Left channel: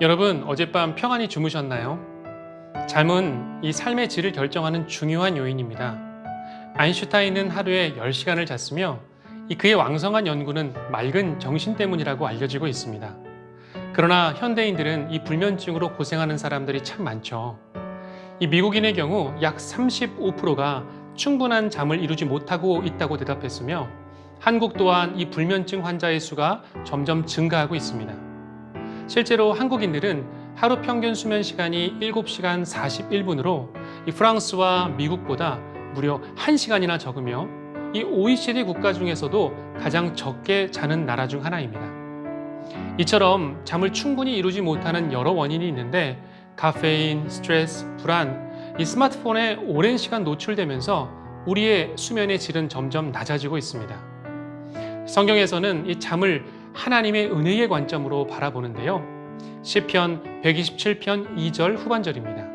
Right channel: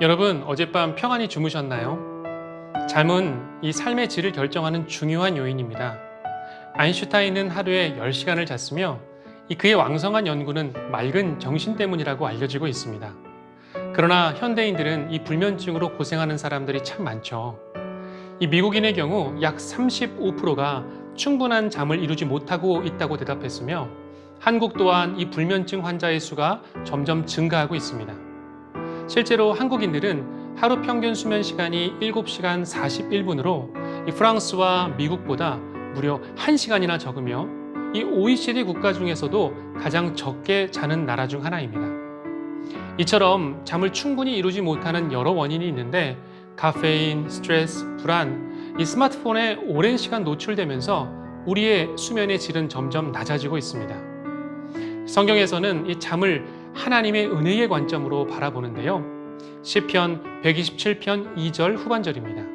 여러분, 어젯밤 평안히 주무셨나요? 잠은 이 삶의 질을 결정하는 중요한 요인입니다. 아인슈타인은 하루에 10시간을 잤으며 그의 왕성한 연구는 맑은 정신 때문이라고 알려지고 있습니다. 그러나 현대인들은 이 불면증으로 고생하는 사람들이 참 많죠. 이 미국인의 경우 약 35%가 충분한 잠을 이루지 못하고 있다고 대답했으며 한국 또한 이 불면증 환자의 수가 점점 증가하고 있습니다. 실제로 한국인들은 하루 평균 수면 시간이 7시간 41분으로 프랑스와 미국보다 무려 1시간이나 적으며 이 OECD 국가 중에서도 가장 적게 자는 나라 중 하나입니다. 이처럼 잠을 충분히 이루지 못하는 여러 원인이 있는데 카페인, 스트레스, 불안, 이 스마트폰에 오랜 시간 노출되면서 우리의 수면의 질은 점점 낮아지고 있습니다. 성경에서는 이 잠을 하나님의 은혜의 관점으로 바라보는데요. 시편 127편 2절 후반절입니다.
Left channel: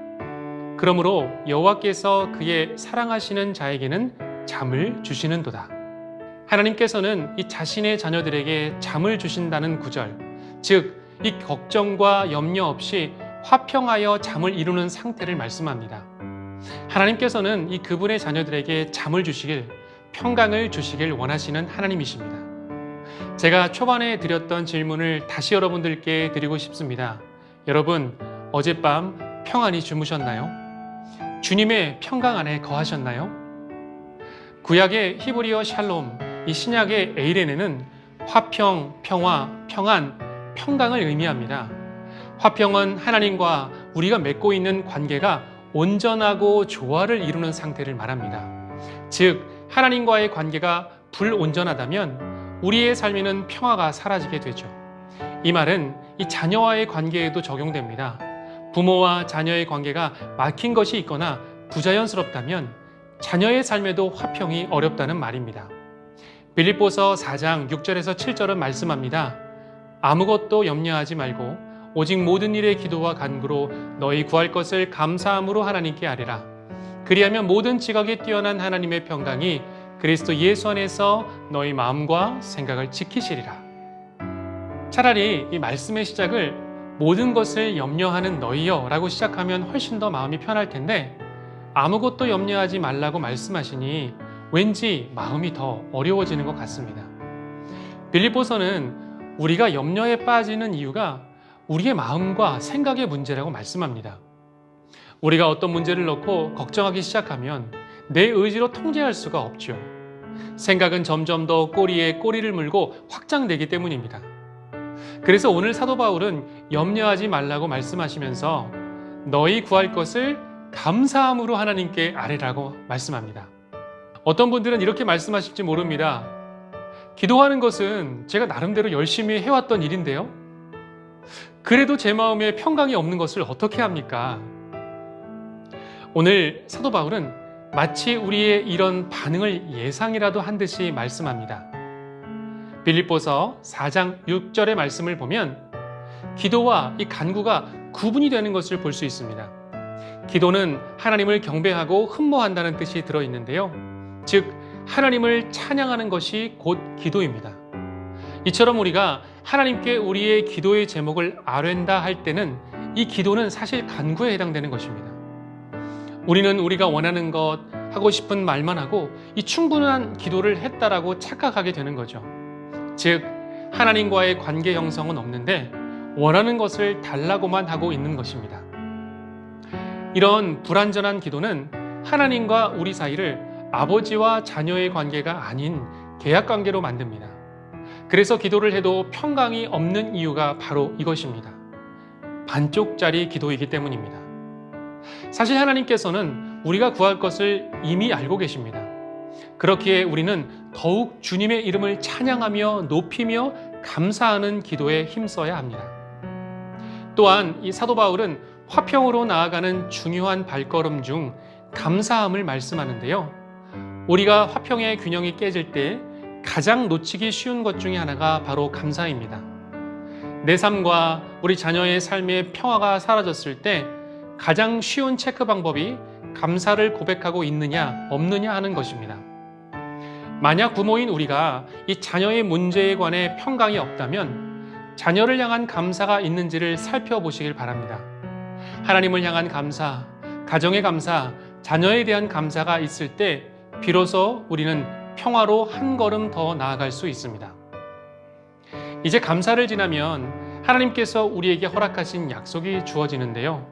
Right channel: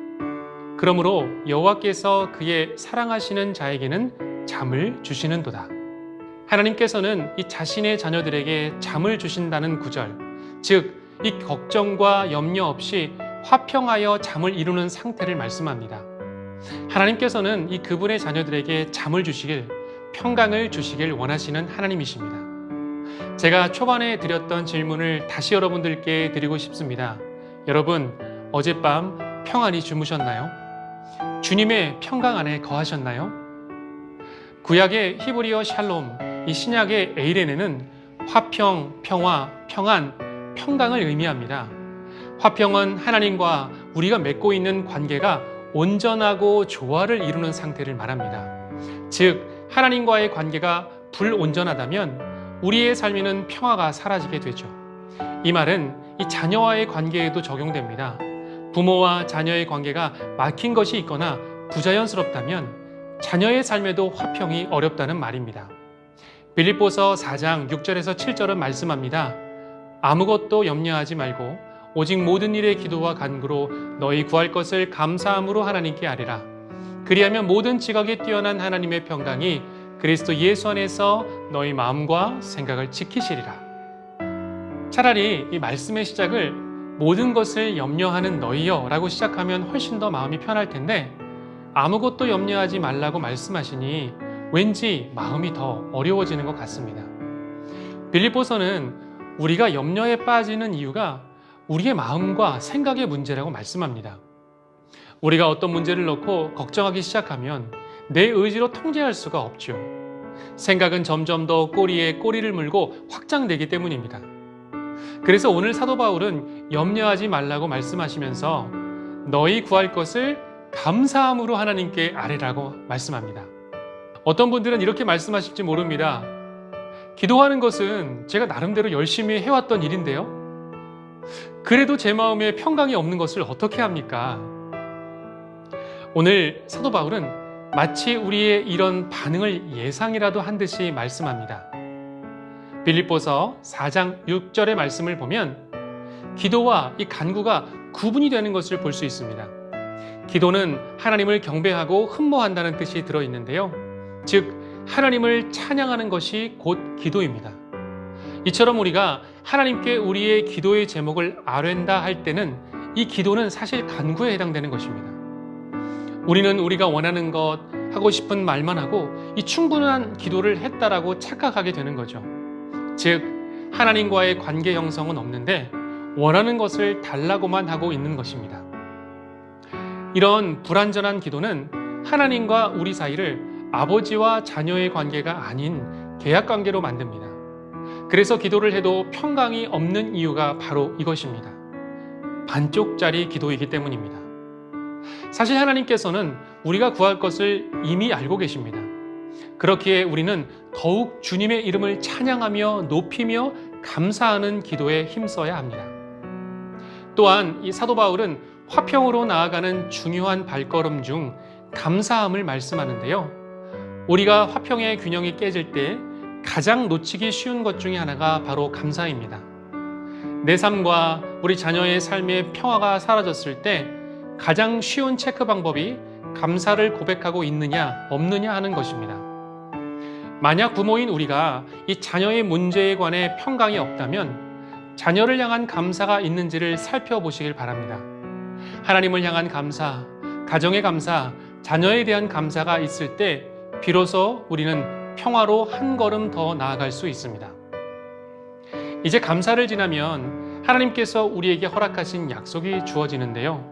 그러므로 여호와께서 그의 사랑하시는 자에게는 잠을 주시는도다. 하나님께서는 이 자신의 자녀들에게 잠을 주신다는 구절, 즉 이 걱정과 염려 없이 화평하여 잠을 이루는 상태를 말씀합니다. 하나님께서는 이 그분의 자녀들에게 잠을 주시길, 평강을 주시길 원하시는 하나님이십니다. 제가 초반에 드렸던 질문을 다시 여러분들께 드리고 싶습니다. 여러분, 어젯밤 평안히 주무셨나요? 주님의 평강 안에 거하셨나요? 구약의 히브리어 샬롬, 이 신약의 에이레네는 화평, 평화, 평안, 평강을 의미합니다. 화평은 하나님과 우리가 맺고 있는 관계가 온전하고 조화를 이루는 상태를 말합니다. 즉, 하나님과의 관계가 불온전하다면 우리의 삶에는 평화가 사라지게 되죠. 이 말은 이 자녀와의 관계에도 적용됩니다. 부모와 자녀의 관계가 막힌 것이 있거나 부자연스럽다면 자녀의 삶에도 화평이 어렵다는 말입니다. 빌립보서 4장 6절에서 7절은 말씀합니다. 아무것도 염려하지 말고 오직 모든 일의 기도와 간구로 너희 구할 것을 감사함으로 하나님께 아뢰라. 그리하면 모든 지각에 뛰어난 하나님의 평강이 그리스도 예수 안에서 너희 마음과 생각을 지키시리라. 차라리 이 말씀의 시작을 모든 것을 염려하는 너희여 라고 시작하면 훨씬 더 마음이 편할 텐데 아무것도 염려하지 말라고 말씀하시니 왠지 마음이 더 어려워지는 것 같습니다. 빌립보서는 우리가 염려에 빠지는 이유가 우리의 마음과 생각의 문제라고 말씀합니다. 우리가 어떤 문제를 놓고 걱정하기 시작하면 내 의지로 통제할 수가 없죠. 생각은 점점 더 꼬리에 꼬리를 물고 확장되기 때문입니다. 그래서 오늘 사도 바울은 염려하지 말라고 말씀하시면서 너희 구할 것을 감사함으로 하나님께 아뢰라고 말씀합니다. 어떤 분들은 이렇게 말씀하실지 모릅니다. 기도하는 것은 제가 나름대로 열심히 해왔던 일인데요. 그래도 제 마음에 평강이 없는 것을 어떻게 합니까? 오늘 사도 바울은 마치 우리의 이런 반응을 예상이라도 한 듯이 말씀합니다. 빌립보서 4장 6절의 말씀을 보면 기도와 이 간구가 구분이 되는 것을 볼 수 있습니다. 기도는 하나님을 경배하고 흠모한다는 뜻이 들어있는데요. 즉 하나님을 찬양하는 것이 곧 기도입니다. 이처럼 우리가 하나님께 우리의 기도의 제목을 아뢰다 할 때는 이 기도는 사실 간구에 해당되는 것입니다. 우리는 우리가 원하는 것, 하고 싶은 말만 하고 이 충분한 기도를 했다라고 착각하게 되는 거죠. 즉 하나님과의 관계 형성은 없는데 원하는 것을 달라고만 하고 있는 것입니다. 이런 불완전한 기도는 하나님과 우리 사이를 아버지와 자녀의 관계가 아닌 계약 관계로 만듭니다. 그래서 기도를 해도 평강이 없는 이유가 바로 이것입니다. 반쪽짜리 기도이기 때문입니다. 사실 하나님께서는 우리가 구할 것을 이미 알고 계십니다. 그렇기에 우리는 더욱 주님의 이름을 찬양하며 높이며 감사하는 기도에 힘써야 합니다. 또한 이 사도 바울은 화평으로 나아가는 중요한 발걸음 중 감사함을 말씀하는데요. 우리가 화평의 균형이 깨질 때 가장 놓치기 쉬운 것 중에 하나가 바로 감사입니다. 내 삶과 우리 자녀의 삶의 평화가 사라졌을 때 가장 쉬운 체크 방법이 감사를 고백하고 있느냐 없느냐 하는 것입니다. 만약 부모인 우리가 이 자녀의 문제에 관해 평강이 없다면 자녀를 향한 감사가 있는지를 살펴보시길 바랍니다. 하나님을 향한 감사, 가정의 감사, 자녀에 대한 감사가 있을 때 비로소 우리는 평화로 한 걸음 더 나아갈 수 있습니다. 이제 감사를 지나면 하나님께서 우리에게 허락하신 약속이 주어지는데요.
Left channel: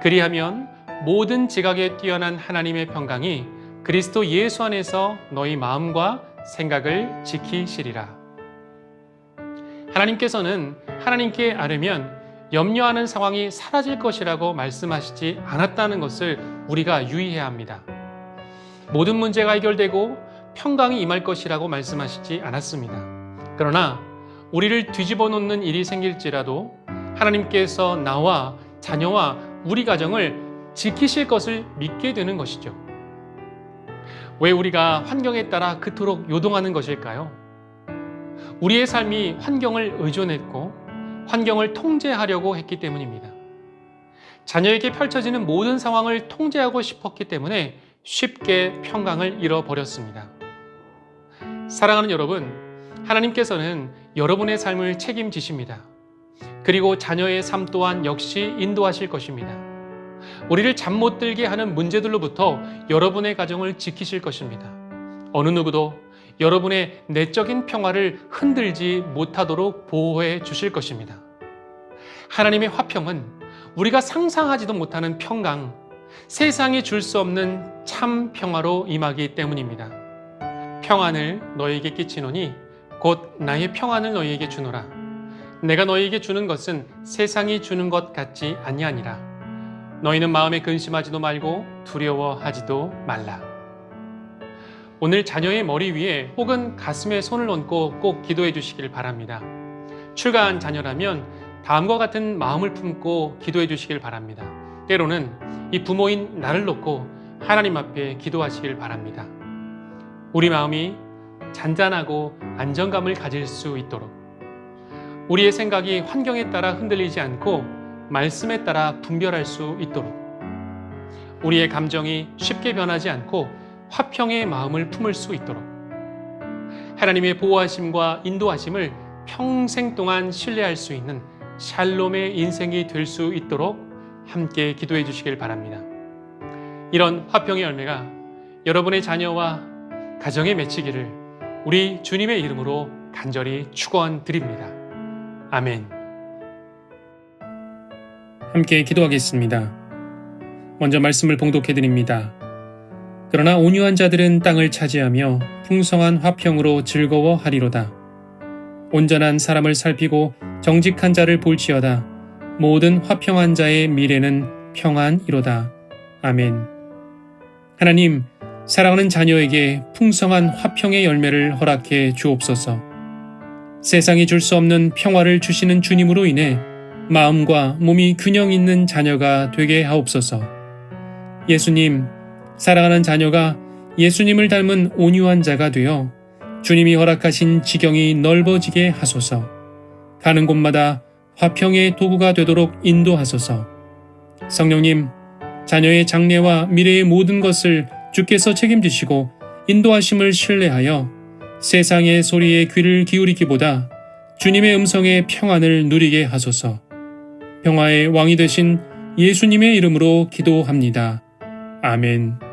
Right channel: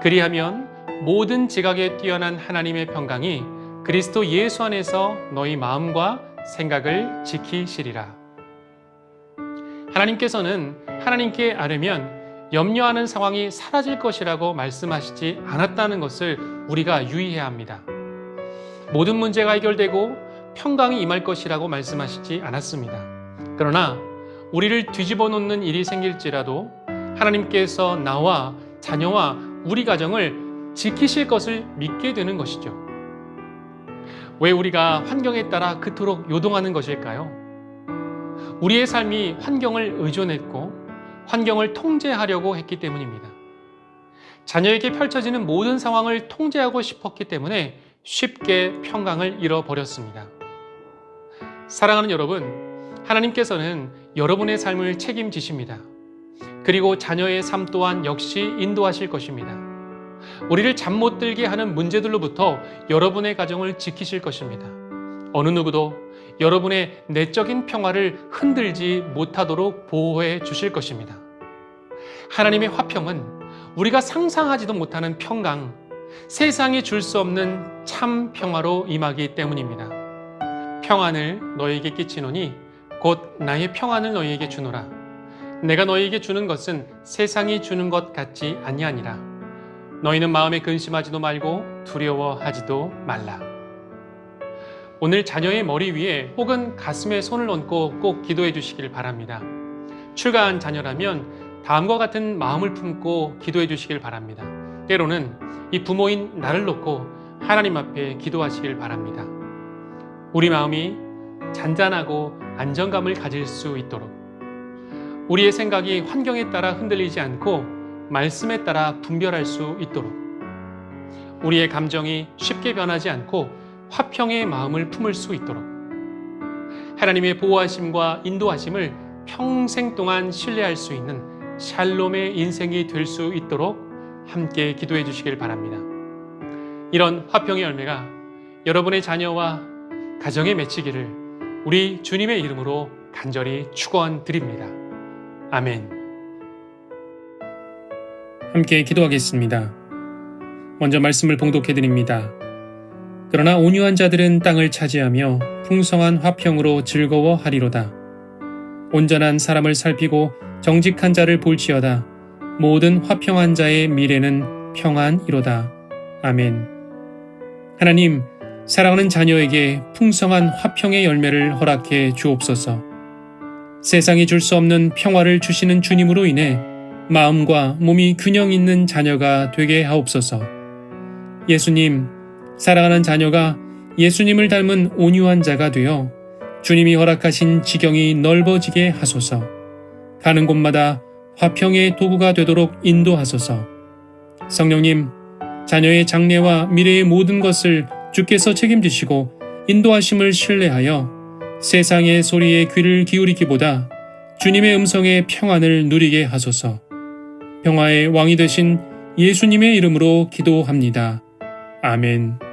그리하면 모든 지각에 뛰어난 하나님의 평강이 그리스도 예수 안에서 너희 마음과 생각을 지키시리라. 하나님께서는 하나님께 아뢰면 염려하는 상황이 사라질 것이라고 말씀하시지 않았다는 것을 우리가 유의해야 합니다. 모든 문제가 해결되고 평강이 임할 것이라고 말씀하시지 않았습니다. 그러나 우리를 뒤집어 놓는 일이 생길지라도 하나님께서 나와 자녀와 우리 가정을 지키실 것을 믿게 되는 것이죠. 왜 우리가 환경에 따라 그토록 요동하는 것일까요? 우리의 삶이 환경을 의존했고 환경을 통제하려고 했기 때문입니다. 자녀에게 펼쳐지는 모든 상황을 통제하고 싶었기 때문에 쉽게 평강을 잃어버렸습니다. 사랑하는 여러분, 하나님께서는 여러분의 삶을 책임지십니다. 그리고 자녀의 삶 또한 역시 인도하실 것입니다. 우리를 잠 못 들게 하는 문제들로부터 여러분의 가정을 지키실 것입니다. 어느 누구도 여러분의 내적인 평화를 흔들지 못하도록 보호해 주실 것입니다. 하나님의 화평은 우리가 상상하지도 못하는 평강, 세상이 줄 수 없는 참 평화로 임하기 때문입니다. 평안을 너희에게 끼치노니 곧 나의 평안을 너희에게 주노라. 내가 너희에게 주는 것은 세상이 주는 것 같지 아니하니라. 너희는 마음에 근심하지도 말고 두려워하지도 말라. 오늘 자녀의 머리 위에 혹은 가슴에 손을 얹고 꼭 기도해 주시길 바랍니다. 출가한 자녀라면 다음과 같은 마음을 품고 기도해 주시길 바랍니다. 때로는 이 부모인 나를 놓고 하나님 앞에 기도하시길 바랍니다. 우리 마음이 잔잔하고 안정감을 가질 수 있도록, 우리의 생각이 환경에 따라 흔들리지 않고 말씀에 따라 분별할 수 있도록, 우리의 감정이 쉽게 변하지 않고 화평의 마음을 품을 수 있도록, 하나님의 보호하심과 인도하심을 평생 동안 신뢰할 수 있는 샬롬의 인생이 될 수 있도록 함께 기도해 주시길 바랍니다. 이런 화평의 열매가 여러분의 자녀와 가정에 맺히기를 우리 주님의 이름으로 간절히 축원드립니다. 아멘. 함께 기도하겠습니다. 먼저 말씀을 봉독해 드립니다. 그러나 온유한 자들은 땅을 차지하며 풍성한 화평으로 즐거워하리로다. 온전한 사람을 살피고 정직한 자를 볼지어다. 모든 화평한 자의 미래는 평안이로다. 아멘. 하나님, 사랑하는 자녀에게 풍성한 화평의 열매를 허락해 주옵소서. 세상이 줄 수 없는 평화를 주시는 주님으로 인해 마음과 몸이 균형 있는 자녀가 되게 하옵소서. 예수님, 사랑하는 자녀가 예수님을 닮은 온유한 자가 되어 주님이 허락하신 지경이 넓어지게 하소서. 가는 곳마다 화평의 도구가 되도록 인도하소서. 성령님, 자녀의 장래와 미래의 모든 것을 주께서 책임지시고 인도하심을 신뢰하여 세상의 소리에 귀를 기울이기보다 주님의 음성의 평안을 누리게 하소서. 평화의 왕이 되신 예수님의 이름으로 기도합니다. 아멘.